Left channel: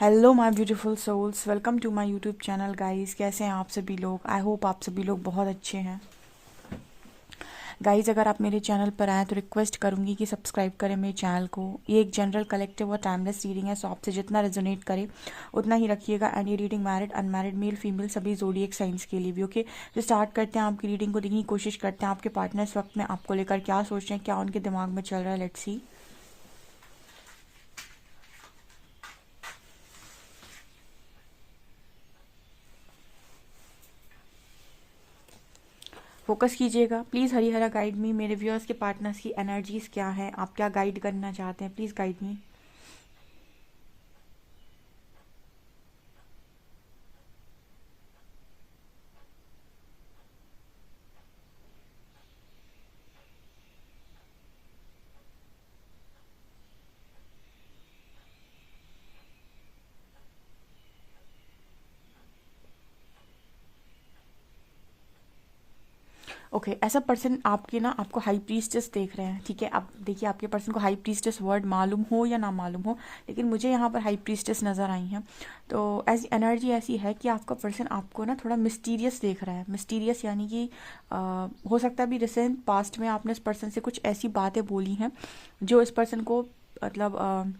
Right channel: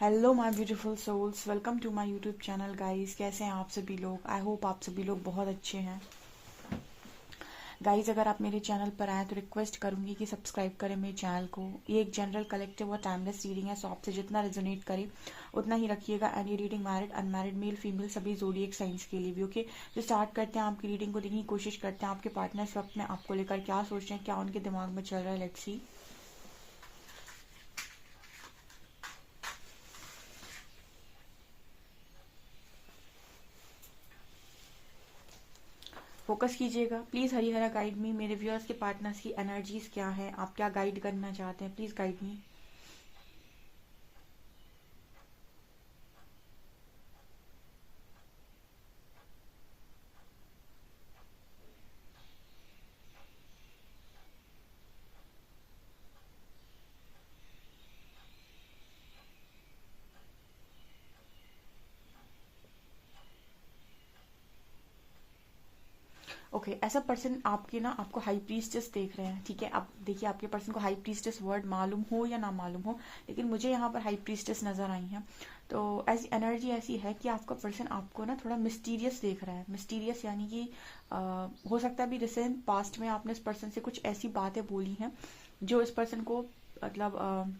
Hello my beautiful souls, welcome to my YouTube channel guys. कैसे हैं आप सभी लोग? आई होप आप सभी लोग बहुत अच्छे हैं। गाइस, अगर आप मेरे चैनल पर आए तो रिक्वेस्ट करूंगी कि सब्सक्राइब करें मेरे चैनल को। ये एक जनरल कलेक्टिव और टाइमलेस रीडिंग है, सो आपसे जितना रेजोनेट करे उतना ही रखिएगा। एंड ये reading married, unmarried, male, female सभी ज़ोडिएक साइंस के लिए भी। ओके, तो स्टार्ट करते हैं। आपकी रीडिंग को देखने की कोशिश करते हैं। आपके पार्टनर इस वक्त में आपको लेकर क्या सोच रहे हैं, क्या उनके दिमाग में चल रहा है। Let's see. फोकस कीजिएगा प्लीज़। हरी हरा गाइड मी। मेरे व्यूअर्स के पार्टनर्स की एनर्जीज क्या है, आप क्या गाइड करना चाहते हैं, प्लीज़ गाइड मी। ओके, ऐसा पर्सन आपके ना आपको हाई प्रीस्टेस देख रहे हैं। ठीक है, आप देखिए आपके पर्सन को हाई प्रीस्टेस वर्ड मालूम हो या ना मालूम हो, लेकिन मुझे यहाँ पर हाई प्रीस्टेस नज़र आई हैं। तो ऐसी एनर्जी ऐसी है कि आपका पर्सन आपको ना थोड़ा मिस्टीरियस देख रहा है। मिस्टीरियस यानी कि हो सकता है अभी रिसेंट पास्ट में आपने इस पर्सन से कुछ ऐसी बातें बोली हैं जो इस पर्सन को मतलब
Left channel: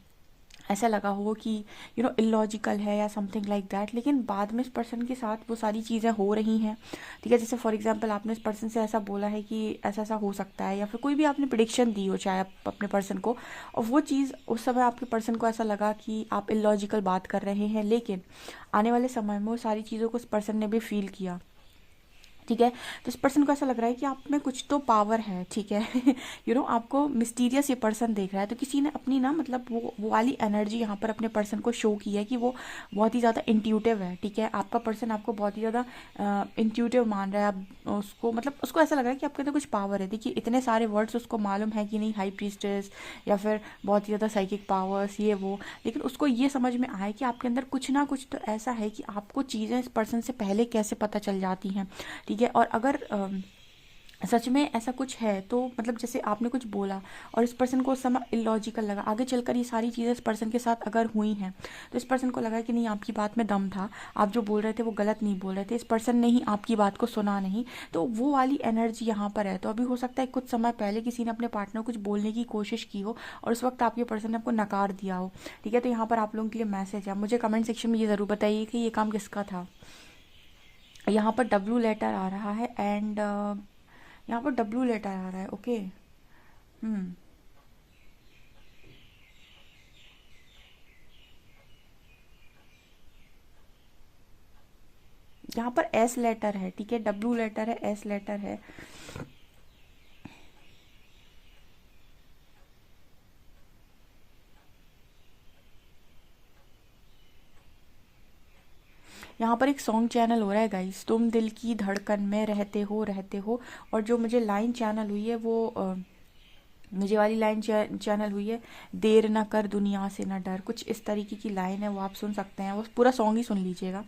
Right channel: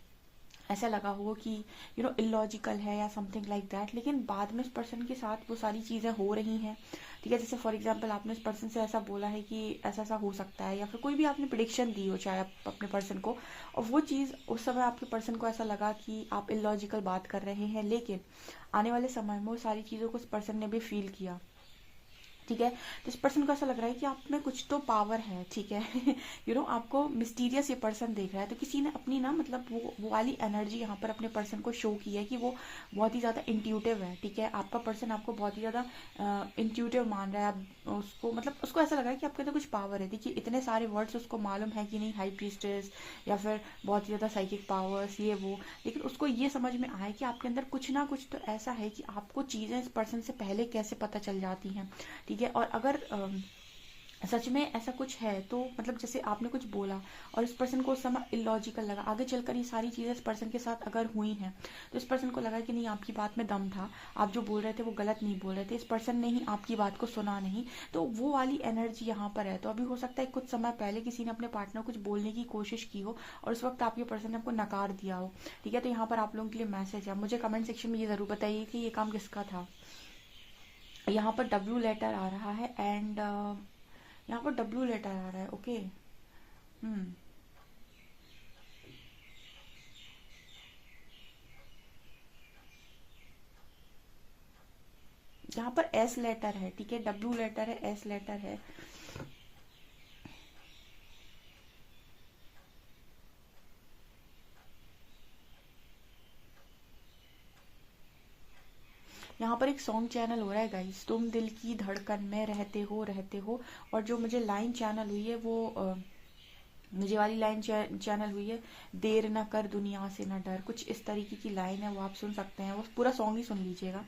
ऐसा लगा हो कि इलॉजिकल है या समथिंग लाइक दैट, लेकिन बाद में इस पर्सन के साथ वो सारी चीज़ें हो रही हैं। ठीक है, जैसे फॉर एग्जांपल आपने इस पर्सन से ऐसा बोला है कि ऐसा ऐसा हो सकता है, या फिर कोई भी आपने प्रिडिक्शन दी हो चाहे आप अपने पर्सन को, और वो चीज़ उस समय आपके पर्सन को ऐसा लगा कि आप इलॉजिकल बात कर रहे हैं, लेकिन आने वाले समय में वो सारी चीज़ों को उस पर्सन ने भी फील किया। ठीक है, तो इस पर्सन को ऐसा लग रहा है कि आप में कुछ तो पावर है। ठीक है आपको मिस्टीरियस ये पर्सन देख रहा है। तो किसी ने अपनी ना मतलब वो वाली एनर्जी यहाँ पर अपने पर्सन को शो की है कि वो बहुत ही ज़्यादा इंट्यूटिव है। ठीक है, आपका पर्सन आपको बहुत ही ज़्यादा इंट्यूटिव मान रहा है। आप उसको मतलब उसको ऐसा लग रहा है कि आपके अंदर कुछ पावर है। देखिए इतने सारे वर्ड्स उसको मालूम है कि नहीं, हाई प्रीस्टेस या फिर बहुत ही ज़्यादा साइकिक पावर्स ये वो, लेकिन उसको ये समझ में आया कि आपके अंदर कुछ ना कुछ तो ऐसा है कि आपको चीज़ें इस पर्सन से पहले कैसे पता चल जाती हैं। ठीक है, और अगर सच में ऐसा कुछ है तो मतलब जैसे आपने कुछ बोला और इस पर्सन को उस समय इलॉजिकल लगा, आगे चलकर ये सारी चीज़ें इस पर्सन के साथ अगर हुई हैं तो इस पर्सन को लगा कि नहीं, आपकी बात में दम था, आप जो बोल रहे थे वो गलत नहीं बोल रहे थे, इस पर्सन ने ही आपकी बात को सुना नहीं। तो वो वाली एनर्जी यहाँ पर है। तो अभी हो सकता है कुछ समय पहले किसी ने अपने पार्टनर कुछ बोलने की कोशिश की हो और उस वक्त आपके पर्सन ने आपको नकार दिया हो। ठीक है, तो यहाँ पर आप लोगों के लिए मैसेज है। मुझे कमेंट सेक्शन में ये ज़रूर बताइए कि ये काम किसका था। यहाँ पर डब्ल्यू लेटर आ रहा है एंड यहाँ पर डब्ल्यू लेटर आ रहा है। ओके। हम्म। यहाँ पर एस लेटर है। ठीक है, डब्ल्यू लेटर है, एस लेटर है। यहाँ पर एक सॉन्ग चैनल हो रहा है गाइस, तुम दिल की धड़कन में रहते हो। और जो मुझे लाइन चैनल हुई है वो मुझे वाली लाइन चैनल हुई है, देर ना कर दुनिया से ना डर, कुछ इस तरीके की लाइन है। वो आप सुन सकते हैं, वो पूरा सॉन्ग ही सुन लीजिएगा।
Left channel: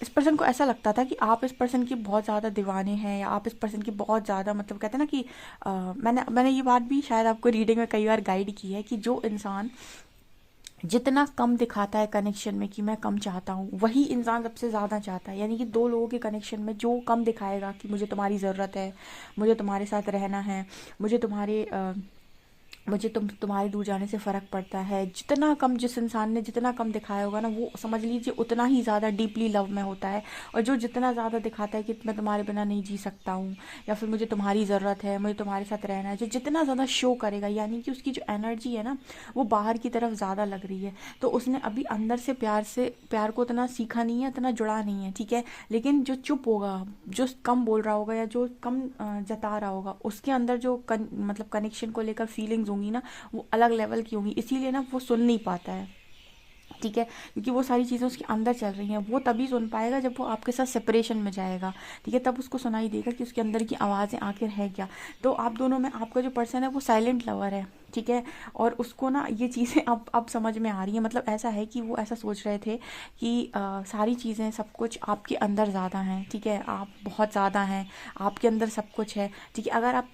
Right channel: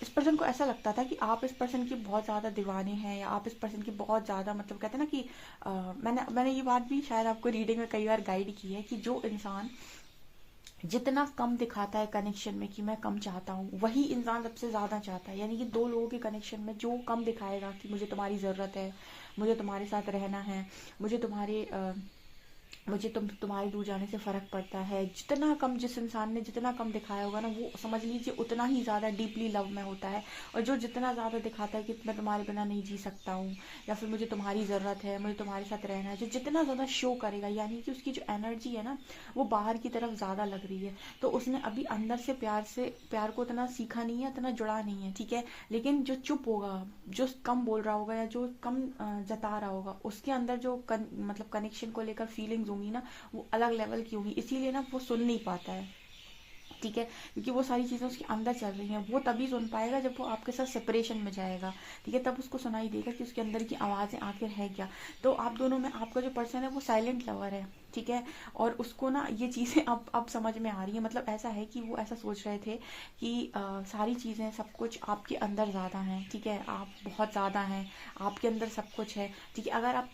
इस पर्सन को ऐसा लगता था कि आप इस पर्सन की बहुत ज़्यादा दीवाने हैं, या आप इस पर्सन की बहुत ज़्यादा मतलब कहते हैं ना कि मैंने मैंने ये बात भी शायद आपको रीडिंग में कई बार गाइड की है कि जो इंसान जितना कम दिखाता है कनेक्शन में कि मैं कम चाहता हूँ, वही इंसान सबसे ज़्यादा चाहता है। यानी कि दो लोगों के कनेक्शन में जो कम दिखाएगा कि मुझे तुम्हारी ज़रूरत है, मुझे तुम्हारे साथ रहना है, मुझे मुझे तुम्हारे दूर जाने से फ़र्क पड़ता है, जितना कम जिस इंसान ने जितना कम दिखाया होगा ना, वो समझ लीजिए उतना ही ज़्यादा डीपली लव में होता है। और जो जितना ज़्यादा दिखाता है कि मैं तुम्हारे बिना नहीं जी सकता हूँ, या फिर मुझे तुम्हारी ज़रूरत है, मुझे तुम्हारे साथ रहना है, जो जितना ज़्यादा शो करेगा, यानी कि उसकी जो एनर्जी है ना वो बाहर की तरफ ज़्यादा लग रही है। तो उसने अभी अंदर से प्यार को उतना सीखा नहीं है, उतना जुड़ा नहीं है। ठीक है, लेकिन जो चुप होगा, जो कम बोल रहा होगा या जो कम जता रहा होगा, उसके अंदर जो मतलब कनेक्शन को लेकर फीलिंग्स होंगी ना, वो अलग लेवल की होंगी, इसीलिए ना वो सुन नहीं पाता है। ठीक है, क्योंकि वो सारी चीज़ें उसके अंदर चल रही हैं। वो तभी सुन पाएगा जब वो आपके साथ सेपरेशन में जाएगा, ठीक है, तब उसको सुनाई देगा कि उसके अंदर की आवाज़ें आखिर है क्या। तो आप दोनों में आपका जो पर्सन है वो साइलेंट लवर है, ठीक है, और उसको ना ये चीज़ें अब समझ में आ रही हैं। मतलब ऐसा है कि वो ऐसा सोच रहे थे कि सारी चीज़ें सब कुछ आपके अंदर ज़्यादा हैं, ठीक है, आप बहुत ज़्यादा हैं, आपके अंदर सब कुछ है, ठीक है। अगर आप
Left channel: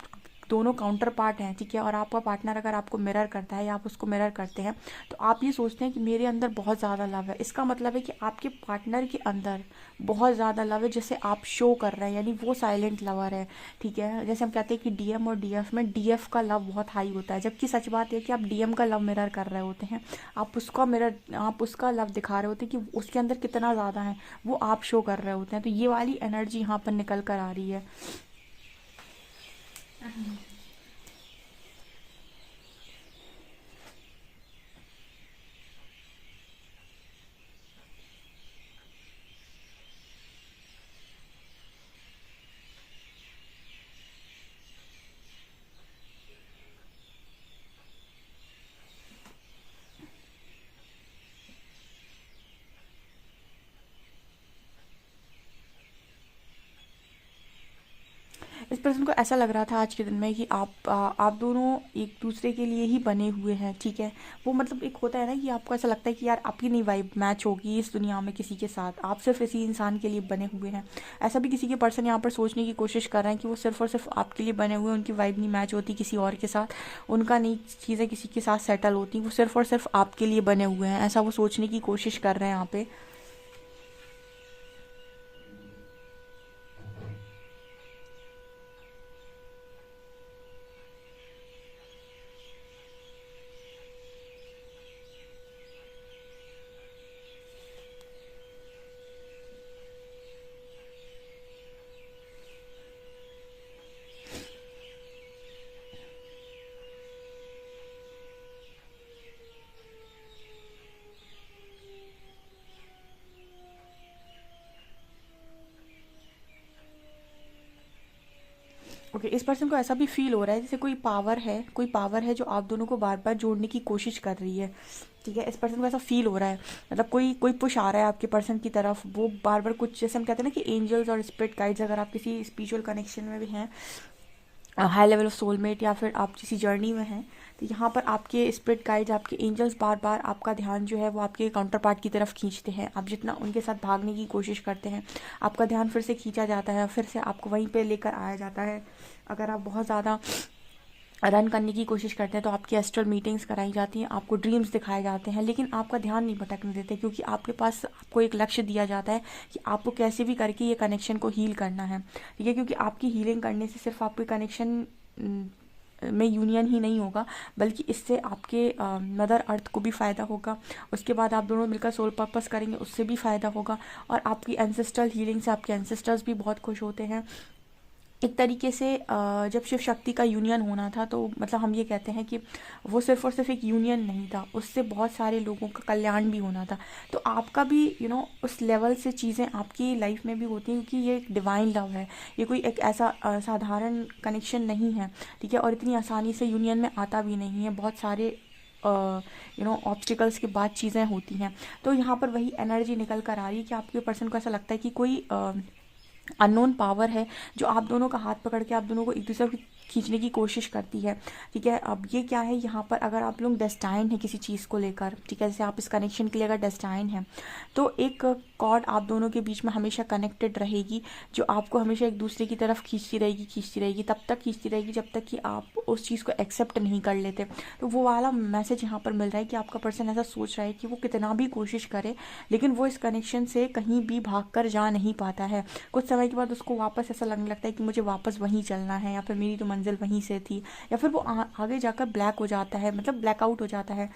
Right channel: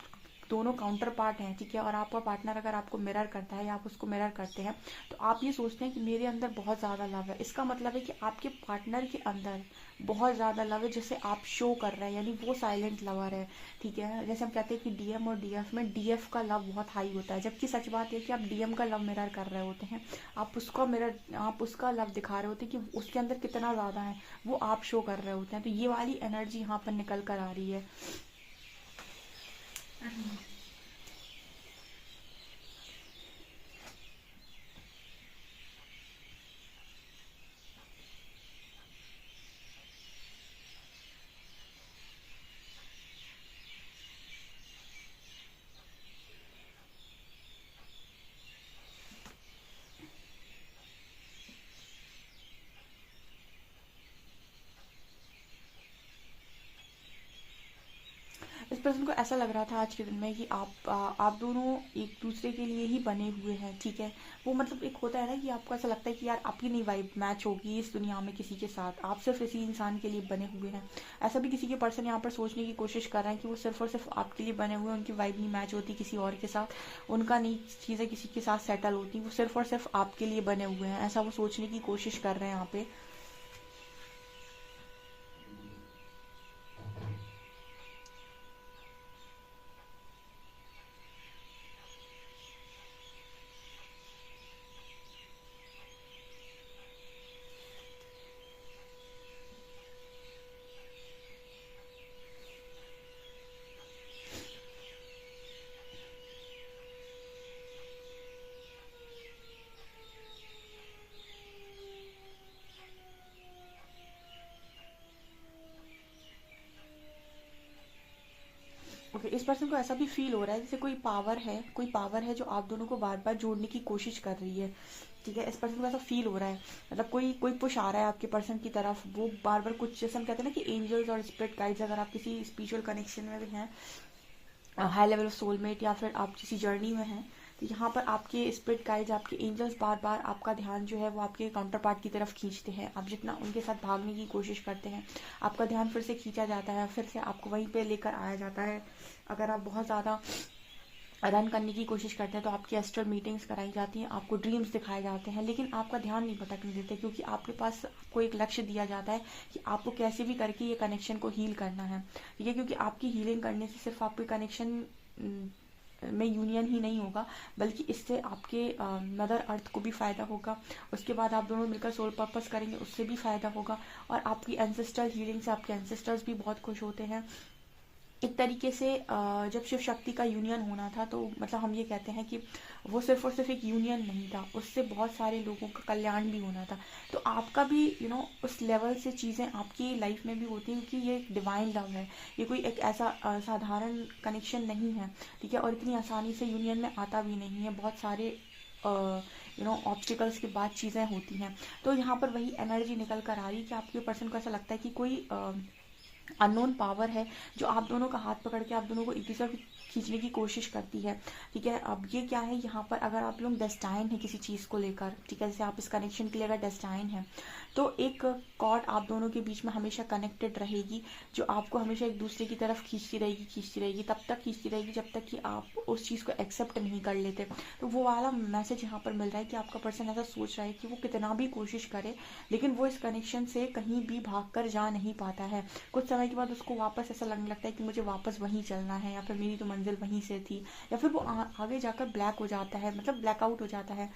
दोनों काउंटर पार्ट हैं, ठीक है, और आपका पार्टनर अगर आपको मिरर करता है या आप उसको मिरर करते हैं, तो आप ये सोचते हैं कि मेरे अंदर बहुत ज़्यादा लव है। इसका मतलब है कि आपके पार्टनर के अंदर बहुत ज़्यादा लव है, जैसे आप शो कर रहे हैं, यानी वो साइलेंट लवर है, ठीक है। जैसे हम कहते हैं कि डीएम और डीएफ में डीएफ का लव बहुत हाई होता है, जबकि सच बात है कि आप डीएम का लव मिरर कर रहे होते हैं, आप उसका लव दिखा रहे होते हैं कि उसके अंदर कितना ज़्यादा है, वो आप शो कर रहे होते हैं। तो ये वाली एनर्जी यहाँ पर निकल कर आ रही है। इस पर्सन को ऐसा लग रहा था आज के दिन में कि आप दोनों एक दूसरे के लिए ही बने हुए हैं, ठीक है। वो मतलब एक होता है ना कि आपको ऐसा लगता है कि यार आपकी नहीं वाइब मैच होगी इस दुनिया में किसी के साथ, आप सिर्फ इसी इंसान के लिए बने हुए हैं। ऐसा भी किसी के पर्सन यहाँ पर सोचने की कोशिश कर रहे हैं कि वो सिर्फ और सिर्फ आपके लिए बने हुए हैं, उनकी वाइब नहीं मैच होती किसी और के साथ, उनका नहीं चीज़ें किसी के साथ सेटल होती, वो सिर्फ और सिर्फ आपके लिए बने हुए हैं, ऐसा वो सोचने की कोशिश कर रहे हैं यहाँ पे। ओके, इस पर्सन को ऐसा भी फील हो रहा है जैसे कोई पावर है जो आप दोनों को बार बार जोड़ने की कोशिश कर रही है, ठीक है। इस पर्सन को ऐसा फील हो रहा है, मतलब कोई कोई पुश आ रहा है आपके पर्सन की तरफ, वो बार बार कुछ, जैसे हम कहते हैं ना कि एंजल्स और स्पिरिट गाइड्स, अगर आप किसी स्पिरिचुअल कनेक्शन में भी हैं, हाई लेवल ऑफ सोलमेट, या फिर आप किसी जर्नी में हैं, तो यहाँ पर आपके स्पिरिट गाइड्स, आपके एंजल्स बार बार आपका ध्यान जो है वो आपके काउंटर पार्ट की तरफ खींचते हैं। आप जितना उनके साथ भागने की कोशिश करते हैं, आपका ध्यान फिर से खींचा जाता है, फिर से आपको वहीं पे लेकर आया जाता है। अगर आप बहुत ज़्यादा रन करने की कोशिश करते हैं तो आपकी एस्ट्रल मीटिंग्स कराई जाती हैं, आपको ड्रीम्स दिखाए जाते हैं, लेकिन आपका ध्यान नहीं भटकने देते, क्योंकि आपके पास आपको एक लक्ष्य दिया जाता है कि आपको कैसे भी करके ये कनेक्शन को हील करना है, ठीक है। क्योंकि आपकी हीलिंग करने से सिर्फ आपके कनेक्शन में यूनियन ही नहीं होगा, बल्कि इससे आपके मदर अर्थ को भी फ़ायदा होगा। उसके बाद आप दोनों मिलकर सोल पर्पस करेंगे, उससे भी फ़ायदा होगा। और आपकी एंसेस्ट्रल हीलिंग से आपके एंसेस्टर्स भी बहुत खुश होते हैं। एक तरीके से जब शिव शक्ति का यूनियन होना था, तो मतलब हम ये कहते हैं कि वो सिर्फ और सिर्फ एक यूनियन नहीं था, उससे बहुत सारे लोगों का कल्याण भी होना था। तो आपका भी उस लेवल से चीज़ें आपकी लाइफ में भी होती हैं, क्योंकि ये एक डिवाइन लव है, ये कोई एक ऐसा साधारण कनेक्शन नहीं है, ठीक है। और इतनी आसानी से यूनियन में आता भी नहीं है, बहुत सारे ऑब्स्टिकल्स के बाद चीज़ें होती हैं। तो यहाँ पर वही एनर्जी निकल कर आ रही है कि आपके पर्सन को ऐसा लगता है कि कोई अननोन पावर है जो आप दोनों का हाथ पकड़ के आप दोनों को एक दूसरे को खींचने की कोशिश करती है, ठीक है। अब ये क्या है, यहाँ पर अगर आप लोग डेस्टाइन है किसी चीज़ को लेकर, ठीक है, जैसे आप इस कनेक्शन के लिए अगर डेस्टाइन है, तो एक कॉर्ड आप दोनों के बीच में हमेशा कनेक्टेड रहेगी, जो आपको हमेशा एक दूसरे की तरफ खींचती रहेगी, तब तक खींचती रहेगी जब तक कि आप उस चीज़ को एक्सेप्ट नहीं कर लेते। तो वो वाला मैसेज यहाँ पर मिल रहा है कि आपका पर्सन ऐसा सोच रहा है कि वो कितना भी कोशिश करे, लेकिन वो इस कनेक्शन से कहीं भी भाग कर जा नहीं पाता है। कुछ समय के बाद उसको वापस ऐसा लगने लगता है कि मुझे वापस वहीं चलना है, या फिर मेरी तो मंजिल वहीं से थी, या फिर वो आगे जाकर ब्लैक हो जाता है, मतलब ब्लैकआउट हो जाता है।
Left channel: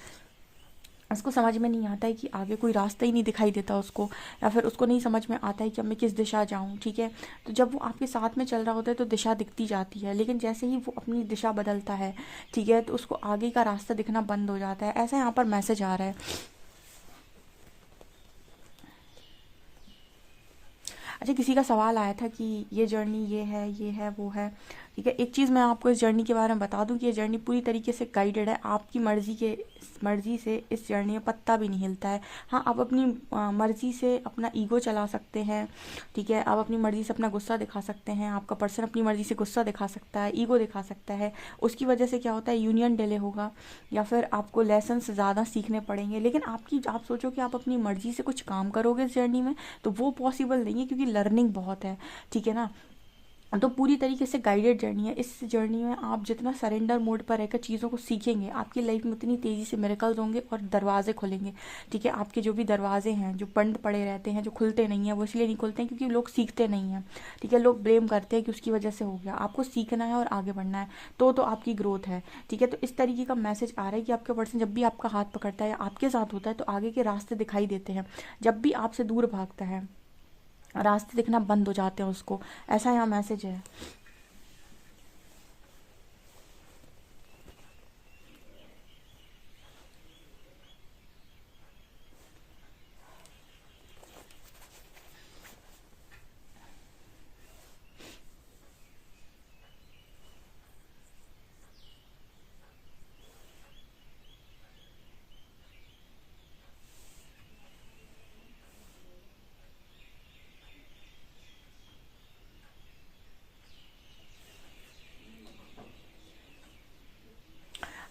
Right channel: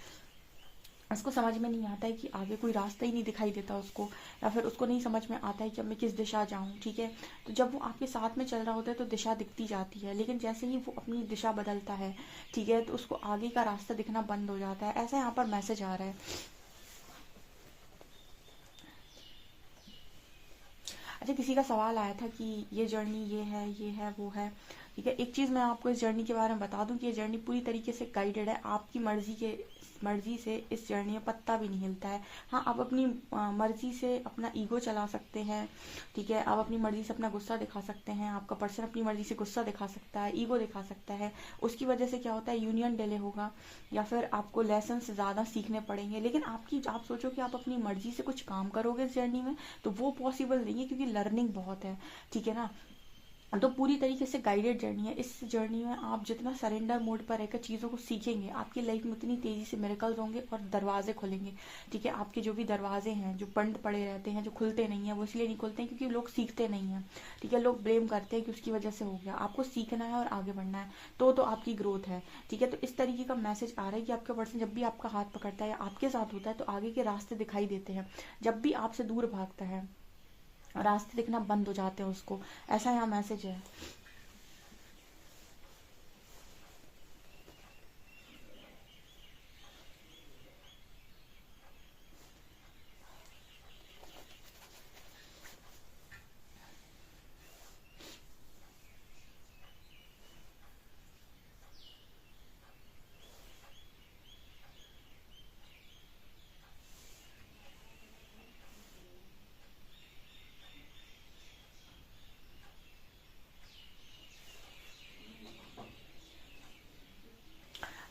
उसको समझ में नहीं आता है कि आगे कोई रास्ता ही नहीं दिखाई देता उसको, या फिर उसको नहीं समझ में आता है कि अब मैं किस दिशा जाऊं, ठीक है। तो जब वो आपके साथ में चल रहा होता है तो दिशा दिखती जाती है, लेकिन जैसे ही वो अपनी दिशा बदलता है, ठीक है, तो उसको आगे का रास्ता दिखना बंद हो जाता है। ऐसा यहाँ पर मैसेज आ रहा है। अच्छा, किसी का सवाल आया था कि ये जर्नी ये है वो है, ठीक है। एक चीज़ मैं आपको इस जर्नी के बारे में बता दूं कि ये जर्नी पूरी तरीके से गाइडेड है, आपकी मर्जी से इस जर्नी में पत्ता भी नहीं हिलता है। हाँ, आप अपनी मर्जी से अपना ईगो चला सकते हैं, ठीक है, आप अपनी मर्जी से अपना गुस्सा दिखा सकते हैं, आपका पर्सन अपनी मर्जी से गुस्सा दिखा सकता है, ईगो दिखा सकता है। उसकी वजह से क्या होता है, यूनियन डिले होगा या फिर आपको लेसन ज़्यादा सीखने पड़ेंगे। लेकिन आप सोचो कि आप अपनी मर्जी से कुछ काम करोगे इस जर्नी में, तो वो पॉसिबल नहीं है, क्योंकि लर्निंग बहुत है, ठीक है ना। तो पूरी तरीके से गाइडेड जर्नी है। इस जर्नी में आप जितना सरेंडर मोड पर रहकर चीज़ों को सीखेंगे, आपकी लाइफ में उतनी तेज़ी से मिरेकल्स होंगे और दरवाजे खुलेंगे, ठीक है। आपके जो भी दरवाजे हैं जो बंद पड़े रहते हैं, जो खुलते नहीं हैं, वो इसलिए नहीं खुलते हैं क्योंकि लोग सीखते नहीं हैं, ठीक है। लोग ब्लेम करते हैं कि उसकी वजह से हो गया। आपको सीखना है और आगे बढ़ना है, तो आपकी ग्रोथ है, ठीक है। तो इस तरीके का मैसेज आ रहा है कि आपका पर्सन जब भी आपका हाथ पकड़ता है या आपके साथ होता है, तो आगे के रास्ते दिखाई देते हैं। जब भी आपसे दूर भागता है, रास्ते दिखना बंद हो जाते हैं उसको। ऐसा यहाँ मैसेज है।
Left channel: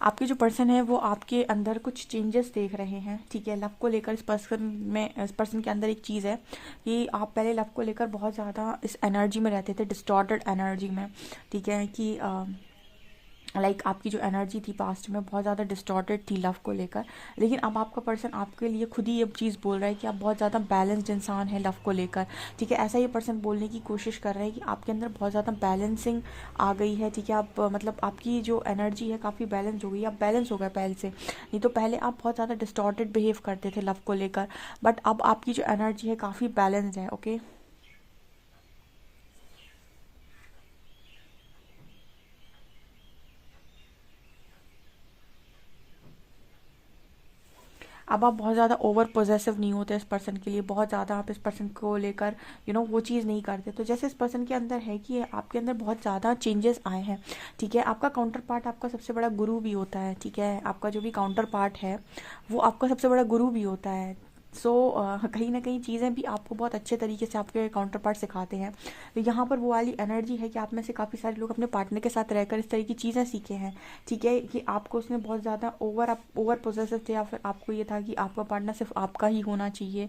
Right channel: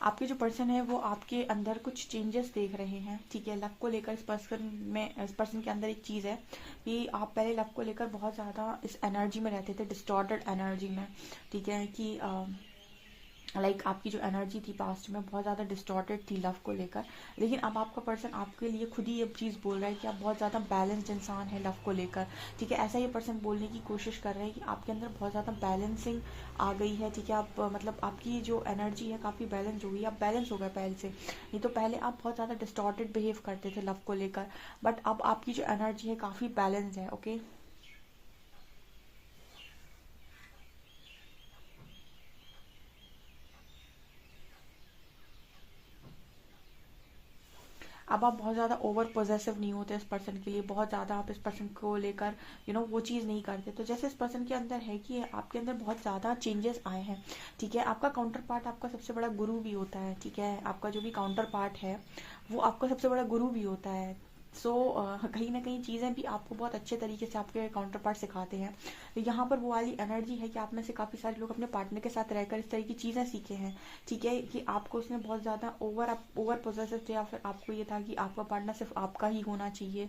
आपके जो पर्सन है वो आपके अंदर कुछ चेंजेस देख रहे हैं, ठीक है। लव को लेकर इस पर्सन के अंदर एक चीज़ है कि आप पहले लव को लेकर बहुत ज़्यादा इस एनर्जी में रहते थे, डिस्टॉर्टेड एनर्जी में, ठीक है, कि आपकी जो एनर्जी थी पास्ट में बहुत ज़्यादा डिस्टॉर्टेड थी लव को लेकर। लेकिन अब आपका पर्सन आपके लिए खुद ही ये चीज़ बोल रहा है कि आप बहुत ज़्यादा बैलेंस्ड इंसान है लव को लेकर, ठीक है। ऐसा ये पर्सन बोलने की कोशिश कर रहा है कि आपके अंदर बहुत ज़्यादा बैलेंसिंग आ गई है, ठीक है। आप मतलब आपकी जो एनर्जी है काफ़ी बैलेंस हो गई, आप बैलेंस हो गए पहले से। नहीं तो पहले आप बहुत ज़्यादा डिस्टॉर्टेड बिहेव करते थे लव को लेकर, बट अब आपकी जो एनर्जी है काफ़ी बैलेंस्ड है, ओके। अब आप बहुत ज़्यादा ओवर पोजेसिव नहीं होते इस पर्सन के लिए, बहुत ज़्यादा आप इस पर्सन को लेकर वो चीज़ नहीं करते। तो जैसे इस पर्सन के अंदर है कि आपके अंदर बहुत ज़्यादा चेंजेस आए हैं, ठीक है। आपका काउंटर पार्ट आपका सबसे बड़ा गुरु भी होता है, ठीक है। आपका जो भी काउंटर पार्ट है वो आपका सबसे बड़ा गुरु भी होता है। सो कहीं ना कहीं चीज़ें भी आपको बहुत अच्छे तरीके से आपके काउंटर पार्ट सिखाते हैं। तो यहाँ पर वो वाली एनर्जी है कि आप में से काफ़ी सारे लोग अपने पार्टनर के साथ रहकर इस तरह की चीज़ें सीखे हैं, ठीक है, कि आपको उसने बहुत ज़्यादा ओवर पोजेसिव थे, या फिर आपको ये था कि आपका पार्टनर सिर्फ आपका ही होना चाहिए,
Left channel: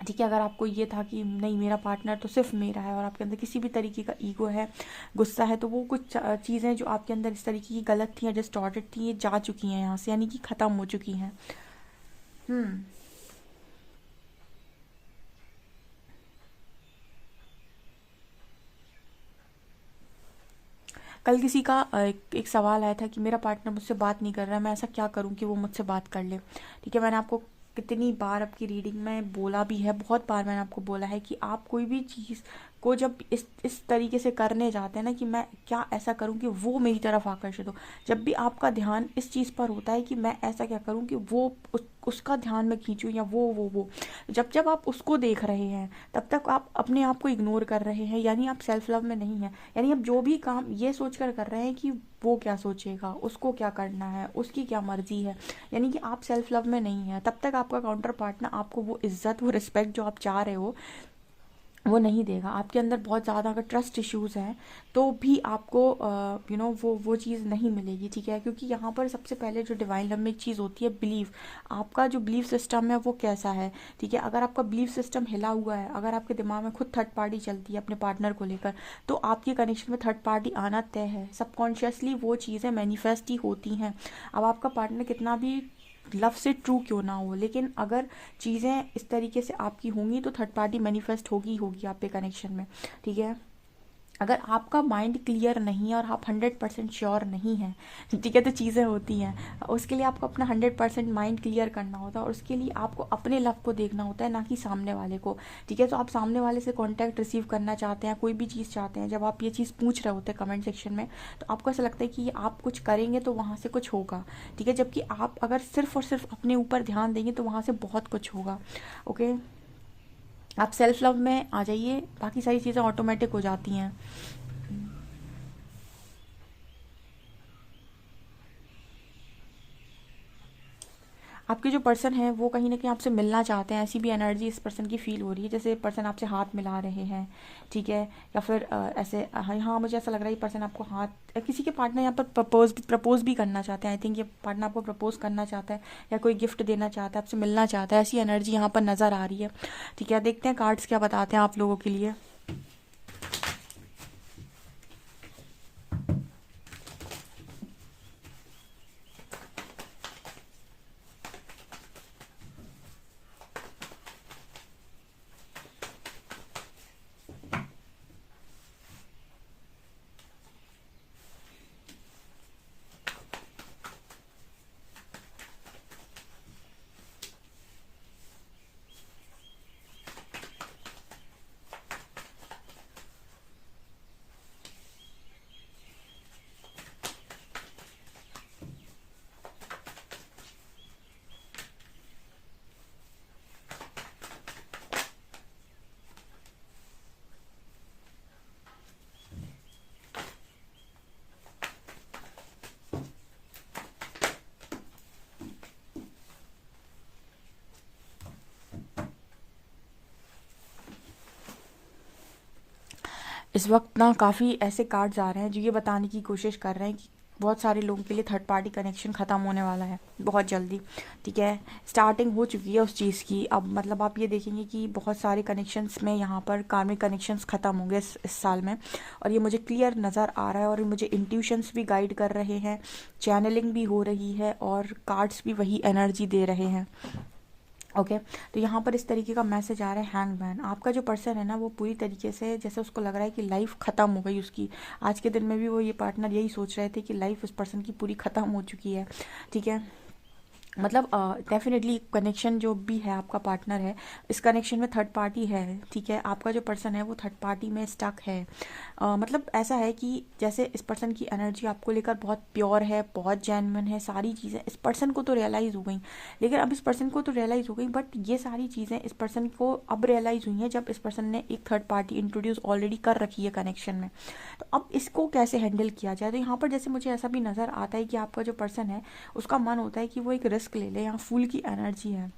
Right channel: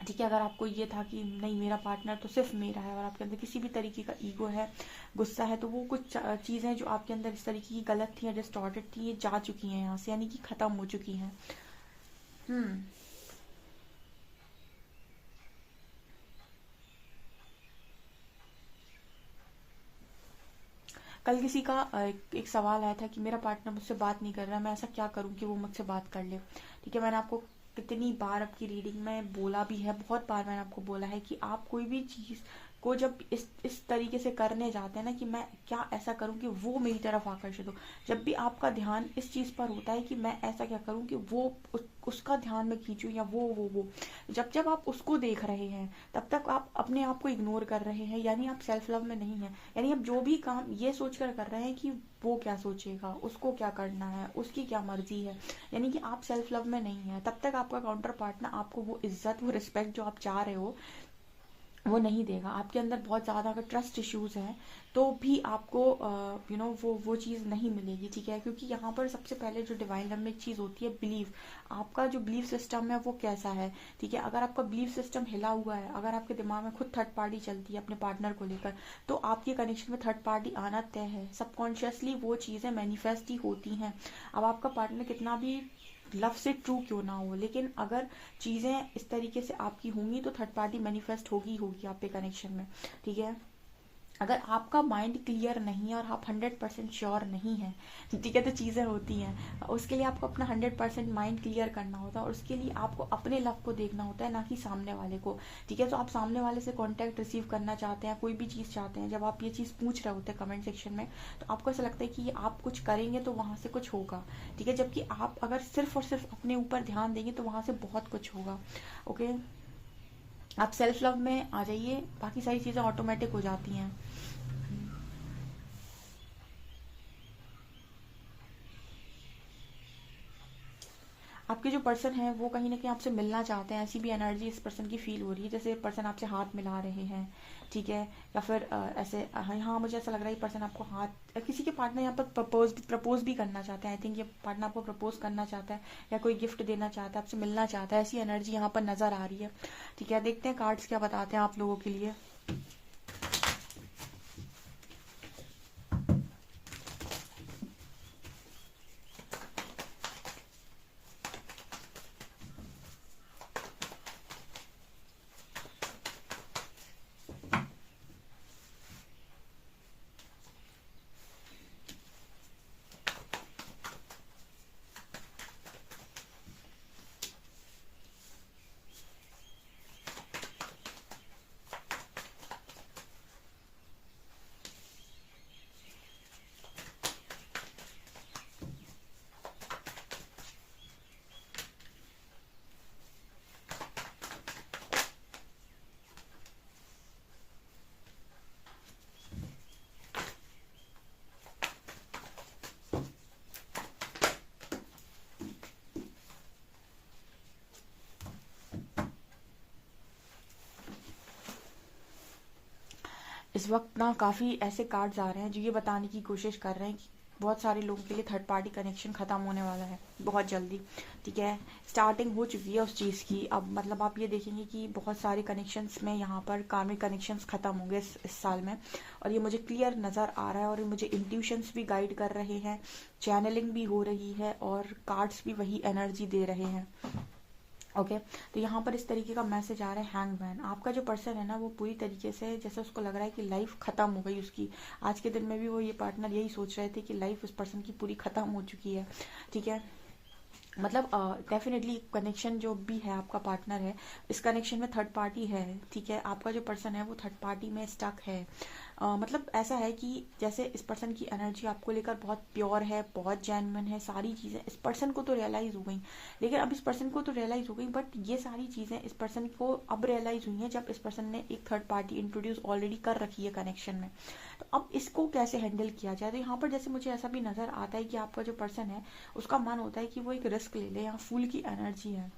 ठीक है। अगर आपको ये था कि नहीं, मेरा पार्टनर तो सिर्फ मेरा है, और आपके अंदर किसी भी तरीके का ईगो है, गुस्सा है, तो वो कुछ चीज़ें जो आपके अंदर इस तरीके की गलत थी या डिस्टॉर्टेड थी, ये जा चुकी हैं यहाँ से, यानी कि ख़त्म हो चुकी हैं। हम्म। कल किसी का एक सवाल आया था कि मेरा पार्टनर मुझसे बात नहीं कर रहा है, मैं ऐसा क्या करूं कि वो मुझसे बात कर ले, ठीक है। मैंने आपको कितनी बार आपकी रीडिंग में बोला भी है, बहुत बार मैंने आपको बोला है कि आप कोई भी चीज़ को जब इस तरीके से करने जाते हैं ना कि मैं क्या ऐसा करूं कि वो मेरी तरफ आकर्षित हो, जब भी आपका ध्यान इस चीज़ पर होता है कि मैं ऐसा क्या करूं कि वो उसका ध्यान में खींचूं, या वो जब जब आप उसको देख रहे हैं तब तक आप अपने आप को इग्नोर कर रहे हैं, यानी आप सेल्फ लव में नहीं है। यानी आप जो भी काम ये सोचकर कर रहे हैं कि वो क्या सोचेगा, उसको क्या करना है, उसकी क्या मर्जी है, यानी कि आप सेल्फ लव में नहीं है। तब तक आपका काउंटर पार्टनर आपको वो इज्जत, वो रिस्पेक्ट जो आप चाह रहे हो वो नहीं देगा। आपके अंदर बहुत ज़्यादा अगर ट्रस्ट इश्यूज हैं तो भी आपको वो चीज़ नहीं मिलेगी, ठीक है। क्योंकि यहाँ पर सबसे पहले जो डिवाइन लव में एक चीज़ होती है, बिलीफ। आपका जो बिलीफ सिस्टम है वो कैसा है, ठीक है। अगर आपका बिलीफ सिस्टम हिला हुआ है, अगर आपके दिमाग में खुद थर्ड पार्टी चलती है अपने पार्टनर को लेकर, तो आपके कनेक्शन में थर्ड पार्टी आना तय है। सबकॉन्शियसली वो चीज़ें मैनिफेस्ट ही होती हैं। अब आपका पार्टनर कितना भी लव से ट्रू क्यों ना हो, लेकिन अगर चीज़ें इस तरीके से आपकी होंगी तो थर्ड पार्टी मैनिफेस्ट होगी होगी आपके कनेक्शन में, ठीक है। अगर आपका माइंड क्लियर नहीं है और आप 100% श्योर नहीं है, ठीक है, तो चीज़ें होती हैं। उसके लिए आपको अपना 100% माइंड क्लियर करना होता है, और उसके लिए आपको अपने लव को देखना होता है, ना कि सामने वाले को, ठीक है। तो आप सामने वाले से कॉन्टैक्ट रिसीव करना चाहते हैं, कोई भी चीज़ चाहते हैं, जब आप ये चीज़ पूछ रहे होते हैं कमेंट सेक्शन में, तो आपको ऐसा लगता है कि आप कुछ करेंगे तो वहाँ से कुछ होगा, ठीक है। जबकि आप अगर सिर्फ और सिर्फ अपने ऊपर ध्यान देंगे तो वहाँ से बहुत कुछ होगा, ओके। आप सेल्फ लव में आ जाइए, बाकी सारी चीज़ें ऑटोमेटिक हो जाती हैं। आपके जो पर्सन है वो कहीं ना कहीं आपसे मिलना चाहते हैं, ऐसी भी एनर्जी इस पर्सन की फील हो रही है, जैसे पर्सन आपसे हाथ मिला रहे हैं, ठीक है। या फिर ऐसे हाँ मुझे ऐसा लग रहा है कि पर्सन आपको हाथ, किसी के पार्टनर यहाँ पर प्रपोज भी करना चाहते हैं। आई थिंक ये पार्टनर आपको प्रपोज करना चाहता है या कोई गिफ्ट देना चाहता है, आपसे मिलना चाहता है, ऐसी एनर्जी यहाँ पर नज़र आ रही है, ठीक है। देखते हैं कार्ड्स क्या बताते हैं आप लोगों के लिए। इस वक्त ना काफ़ी ऐसे कार्ड्स आ रहे हैं जो ये बताने की कोशिश कर रहे हैं कि बहुत सारे लोगों के लिए थर्ड पार्टी कनेक्शन ख़त्म होने वाला है बहुत जल्दी, ठीक है। स्टार्टिंग हो चुकी है उस चीज़ की। अब मतलब आप ये देखेंगे कि बहुत सारे कनेक्शंस में यहाँ पर कार्मिक कनेक्शंस ख़त्म होंगे इस साल में, और ये मुझे क्लियर नज़र आ रहा है, और मुझे इंट्यूशंस भी गाइड कर रहे हैं, चैनलिंग भी हो रही है, और कार्ड्स भी वही एनर्जी दे रहे हैं, ओके। तो यहाँ पर इस तरीके का मैसेज आ रहा है, हैंगमैन। आपका जो पर्सन है ना वो पूरी तरीके से जैसे उसको लग रहा है कि लाइफ ख़त्म हो गई उसकी। आज के दिन में भी वो ये पार्टनर यही सोच रहे थे कि लाइफ उस पर्सन की पूरी ख़त्म हो चुकी है, ठीक है। मतलब डेफिनेटली कनेक्शन जो भी है आपका पार्टनर है, इस कनेक्शन में थर्ड पार्टी है, ठीक है। आपका जो पर्सन है वो थर्ड पार्टी में स्टक है। मतलब ऐसा है कि जैसे इस पर्सन की एनर्जी आपको लेकर बहुत प्योर है, बहुत जेन्युइन है, सारी चीज़ें इस पर्सन को तो रियलाइज़ हो गई, लेकिन अब इस पर्सन को तो रियलाइज़ हो गई, बट ये सारी चीज़ें इस पर्सन को अब रियलाइज़ हुई हैं जब इस पर्सन ने एक थर्ड पार्टी इंट्रोड्यूस ऑलरेडी कर रखी है कनेक्शन में। तो अब इसको कैसे हैंडल किया जाए? तो यहाँ पर जैसे मुझे ऐसा भी नज़र आता है कि आपका जो पर्सन है उसका मन होता है कि वो एक रिस्क ले ले। यहाँ फूल की एनर्जी है,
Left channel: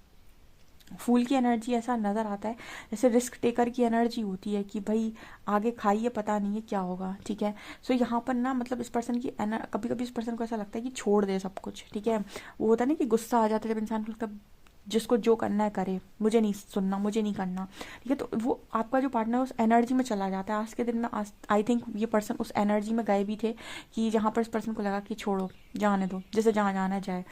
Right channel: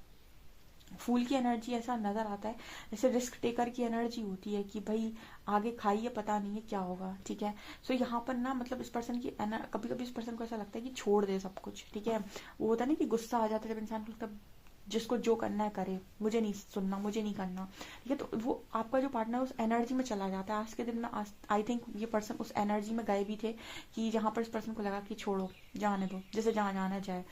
फूल की एनर्जी ऐसा नज़र आता है जैसे रिस्क टेकर की एनर्जी होती है कि भाई आगे खाइए, पता नहीं है क्या होगा, ठीक है। सो यहाँ पर ना मतलब इस पर्सन की कभी कभी इस पर्सन को ऐसा लगता है कि छोड़ दे सब कुछ, ठीक है। वो होता है ना कि गुस्सा आ जाता है जब इंसान को लगता है जिसको जो करना है करे, मुझे नहीं सुनना, मुझे नहीं करना, ठीक है। तो वो आपका जो पार्टनर उस एनर्जी में चला जाता है। आज के दिन में आई थिंक ये पर्सन उस एनर्जी में गए भी थे कि जहाँ पर इस पर्सन को लगा कि छोड़ो, जाने दो, जैसे जहाँ जाना जाए।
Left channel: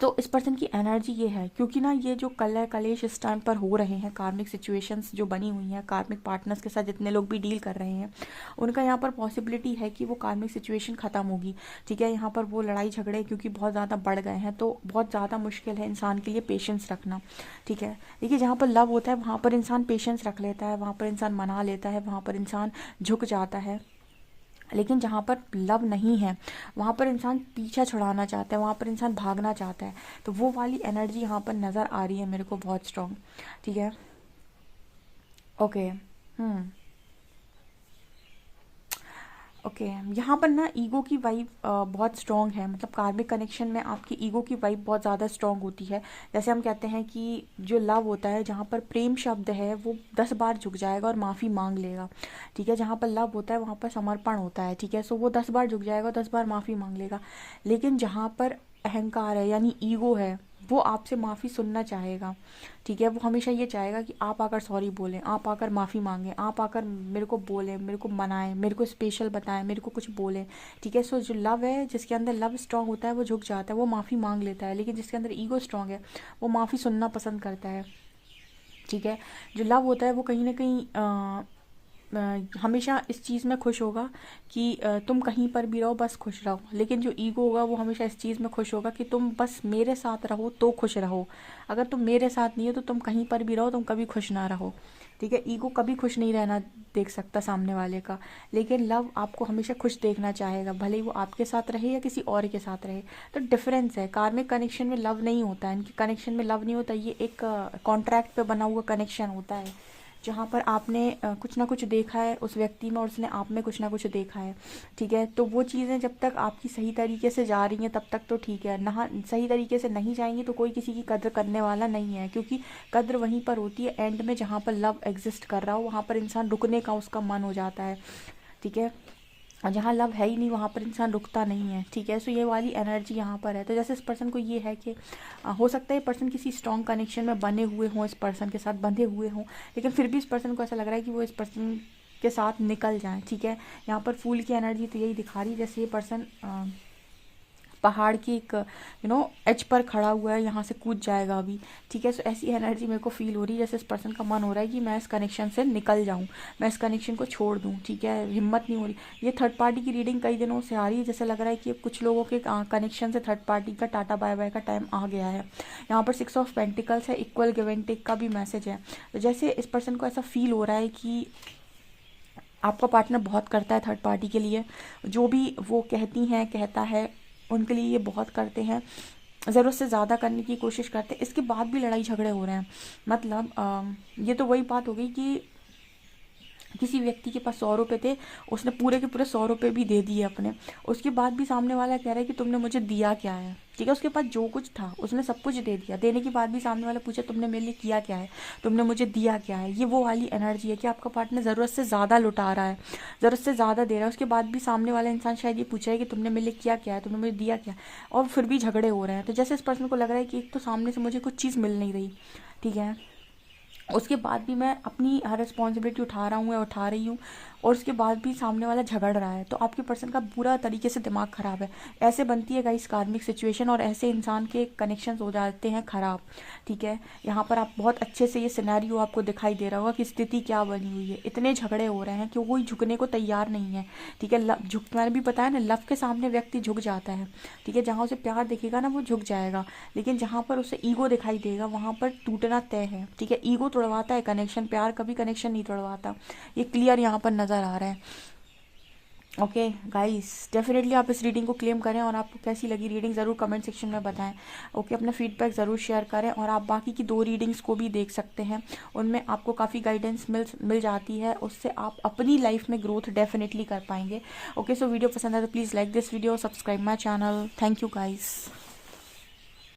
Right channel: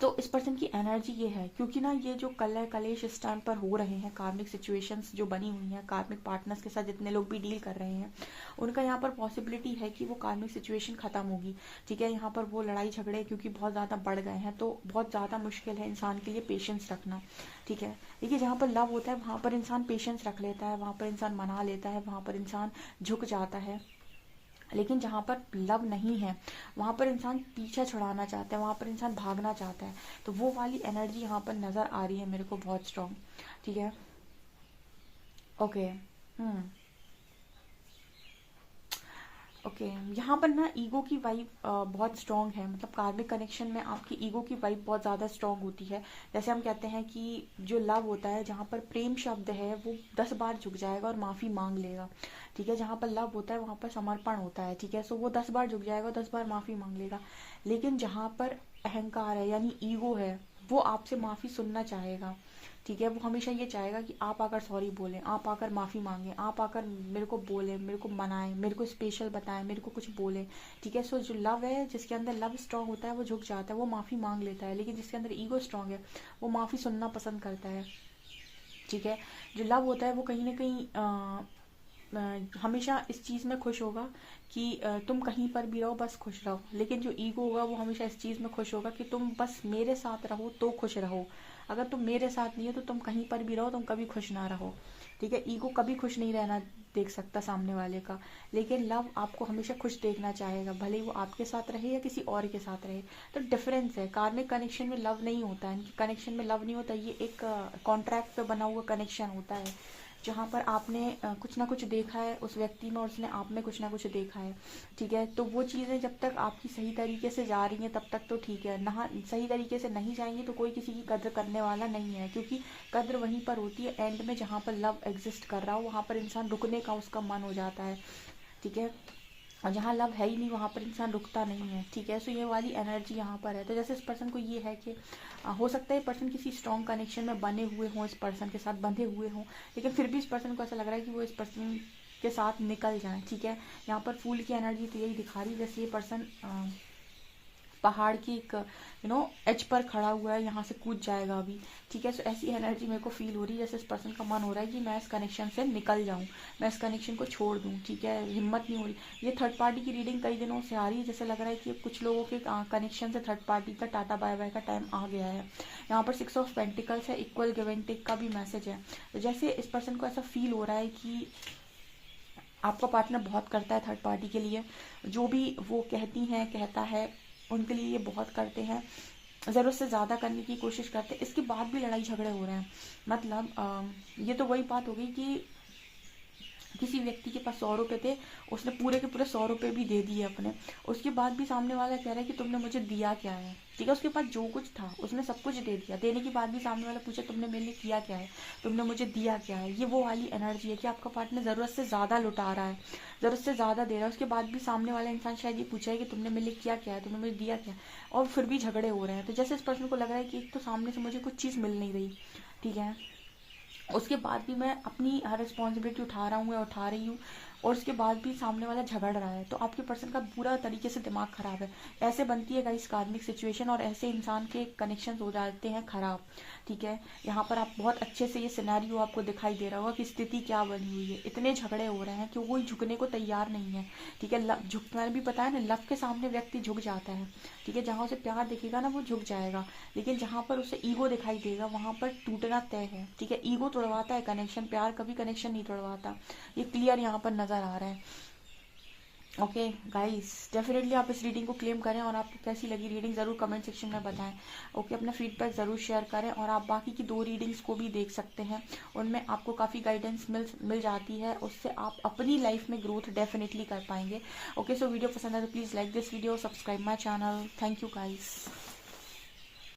तो इस पर्सन की एनर्जी ये है, क्योंकि ना ये जो कलह कलेश इस टाइम पर हो रहे हैं, कार्मिक सिचुएशंस जो बनी हुई हैं, कार्मिक पार्टनर्स के साथ जितने लोग भी डील कर रहे हैं, उनका यहाँ पर पॉसिबिलिटी है कि वो कार्मिक सिचुएशन खत्म होगी, ठीक है। यहाँ पर वो लड़ाई झगड़े क्योंकि बहुत ज़्यादा बढ़ गए हैं, तो बहुत ज़्यादा मुश्किल है इंसान के लिए पेशेंस रखना, ठीक है। देखिए जहाँ पर लव होता है वहाँ पर इंसान पेशेंस रख लेता है, वहाँ पर इंसान मना लेता है, वहाँ पर इंसान झुक जाता है। लेकिन जहाँ पर लव नहीं है वहाँ पर इंसान पीछा छुड़ाना चाहता है, वहाँ पर इंसान भागना चाहता है। तो वो वाली एनर्जी यहाँ पर नज़र आ रही है मेरे को बहुत स्ट्रॉन्ग, ठीक है। ओके। हम्म। ओके। यहाँ पर ना ईगो की वाइब बहुत स्ट्रॉन्ग है, मतलब कार्मिक कनेक्शन में आपकी ईगो की वाइब बहुत ज़्यादा स्ट्रॉन्ग होती है। जैसे हम कहते हैं कि जो लव होता है, जहाँ पर प्रेम शब्द है वो 10 बार झुक जाएगा और माफ़ी मांग लेगा, ठीक है। जहाँ पर लव होता है वहाँ पर समर्पण होता है, ठीक है। सो वो 10 बार झुक जाएगा, 10 बार माफ़ी मांग लेगा। लेकिन जहाँ पर अहंकार है यानी ईगो है, वो आपसे माफ़ी सुनना चाहेगा, ठीक है। वो हमेशा ये चाहेगा कि आप आकर सॉरी बोलें, आप आकर माफ़ी मांगें, आप आकर मेरे को बोलें, मेरे को मनाएं, मेरे को स्पेशल बताएं, मेरे को कुछ बोलें, ठीक है। सो जो लव है, जिसके अंदर लव स्ट्रांग होता है वो झुक जाता है, वो माफ़ी मांग लेता है। लेकिन जिसके अंदर ईगो स्ट्रांग है वो माफ़ी सुनना पसंद करता है, ठीक है। जो लव होता है वो कहीं ना कहीं हमेशा इस चीज़ में खुश होगा कि तुम कहीं पर भी रहो बस खुश रहो। लेकिन जो ईगो होगा वो हमेशा इस चीज़ में खुश होगा कि तुम बस मेरे साथ रहो तो खुश रहो, अगर तुम मेरे साथ नहीं हो तो तुम कहीं पर भी रहो, तुम कभी खुश ना रहो, ठीक है। ईगो कभी खुश नहीं रहना देख सकता सामने वाले का, लेकिन लव आपको हमेशा खुश देखना चाहेगा, भले ही वो आपके साथ रहे या किसी और के साथ रहे। तो डिफरेंस है, कार्मिक कनेक्शन में लव नहीं होता है, इनके कनेक्शन में लव नहीं होता, ये एक कॉन्ट्रैक्ट पे बना हुआ कनेक्शन होता है, जहाँ पर आपने कुछ ना कुछ देखा है उस व्यक्ति में और उसने आप में कुछ ना कुछ देखा है, ठीक है। तो वो चीज़ें जब तक आपकी सही तरीके से जा रही हैं तब तक तो ठीक है, ना सही तरीके से नहीं जाएंगी तो कोई किसी की कद्र करने वाला नहीं है, क्योंकि कद्र वहीं पर होती है एंड में जहाँ पर लव एग्जिस्ट कर रहा हो, वहाँ पर इंसान रुकने का उसका मन हो जाता है, ठीक है। और जहाँ लव है ही नहीं वहाँ पर इंसान रुकता नहीं है, ठीक है। सो ये वाली एनर्जी यहाँ पर है। तो जैसे इस पर्सन को ये है कि हो सकता है ये पर्सन किसी स्ट्रॉन्ग कनेक्शन में बने हुए हों, इस पर्सन के साथ बंधे हुए हों, लेकिन फिर भी इस पर्सन को ऐसा लग रहा है कि वो इस पर्सन के साथ निकल जाएं, ठीक है। यहाँ पर फूल की एनर्जी तो यही दिखा रही है, जैसे ये पर्सन पहाड़ की एक एज पर खड़ा हुआ है, यहाँ से कूद जाएगा अभी, ठीक है। सो ऐसी एनर्जी मेरे को फील हो रही है, जैसे इस पर्सन का मन हो रहा है कि मैं इस कनेक्शन से निकल जाऊँ, मैं इस कनेक्शन को छोड़ दूँ, ठीक है। हिम्मत नहीं हो रही। ये थर्ड पार्टी की रीडिंग कई दिनों से आ रही है, जैसे लग रहा है कि कुछ लोगों के कनेक्शन से थर्ड पार्टी का टाटा बाय बाय का टाइम आ गया है। यहाँ पर 6 ऑफ पेंटिकल्स है, इक्वल गिव एंड टेक का भी मैसेज है। तो जैसे इस पर्सन को ऐसा फील हो रहा है कि आपका पार्टनर बहुत करता है थर्ड पार्टी के लिए, जो भी वो कहती हैं कहता है उनके लिए ये बहुत करते हैं, ज़रूरत से ज़्यादा करने की कोशिश करते हैं। इसके बाद भी लड़ाई झगड़े हो रहे हैं, मतलब ये तो वही बात हो गई कि किसी व्यक्ति के पास 100 रुपये थे, उसने पूरे के पूरे 100 रुपये भी दे दिए अपने, उसके बाद भी सामने वाला कह रहा है कि तुमने मुझे दिया क्या है, ठीक है। उसके पास जो कुछ था उसने सब कुछ दे दिया, देने के बाद भी सामने वाला पूछे तुमने मेरे लिए किया क्या है, तुमने मुझे दिया क्या है। ये वो वाली एनर्जी है कि आपका पार्टनर ज़रूरत से ज़्यादा लुटा रहा है, ज़रूरत से ज़्यादा दे रहा है, उसके बाद भी सामने वाला इंसान शायद ये पूछा है कि तुमने मेरे लिए किया क्या है, तुमने मुझे दिया क्या है, और फिर भी झगड़े हो रहे हैं। तो जैसे इस पर्सन को लग रहा है कि एक तो सामने से मुझे कुछ चीज़ मिल नहीं रही, ठीक है, उसके बाद भी मैं अपनी हर रिस्पॉन्सिबिलिटी उठा रहा हूँ या उठा रही हूँ, और उसके बाद भी सामने वाला झगड़ रहा है, तो आपके पर्सन का पूरा तरीके से दिमाग खराब है। ऐसे बनती है गाइस कार्मिक सिचुएशन, और ऐसे इंसान के कनेक्शंस हो जाते हैं खराब, ठीक है। यहाँ पर आप बहुत अच्छे से ये सिनेरियो आपको दिखाई दे रहा होगा कि स्थिति क्या बनी हुई है, इतने झगड़े हो रहे हैं कि कोई झुकने को तैयार नहीं है, ठीक है। मैंने भी बताया ना, लव के सामने व्यक्ति झुक जाता है, ठीक है। जहाँ उसे प्यार दिखेगा ना वो झुक जाएगा, लेकिन जहाँ पर उसे ईगो दिखाई देगा वहाँ पर टूटना तय है, ठीक है। ईगो तोड़वाता है कनेक्शन, प्यार कभी कनेक्शन नहीं तोड़वाता, ये क्लियर यहाँ पर नजर आ रहा है। ओके गाइस, डेफिनेटली आप इस रीडिंग को क्लेम करें, और आपको कैसी लगी रीडिंग ज़रूर कमेंट सेक्शन में बताएं। ओके, अपना फीडबैक ज़रूर शेयर करें, और आप बाकी की 2 रीडिंग्स को भी देख सकते हैं, उनमें आपको काफ़ी गाइडेंस मिल जाती है, उससे आप अपनी लाइफ में ग्रोथ डेफिनेटली कर पाएंगे। ओके, सो वीडियो पसंद है तो please like this video, subscribe my channel. Thank you guys.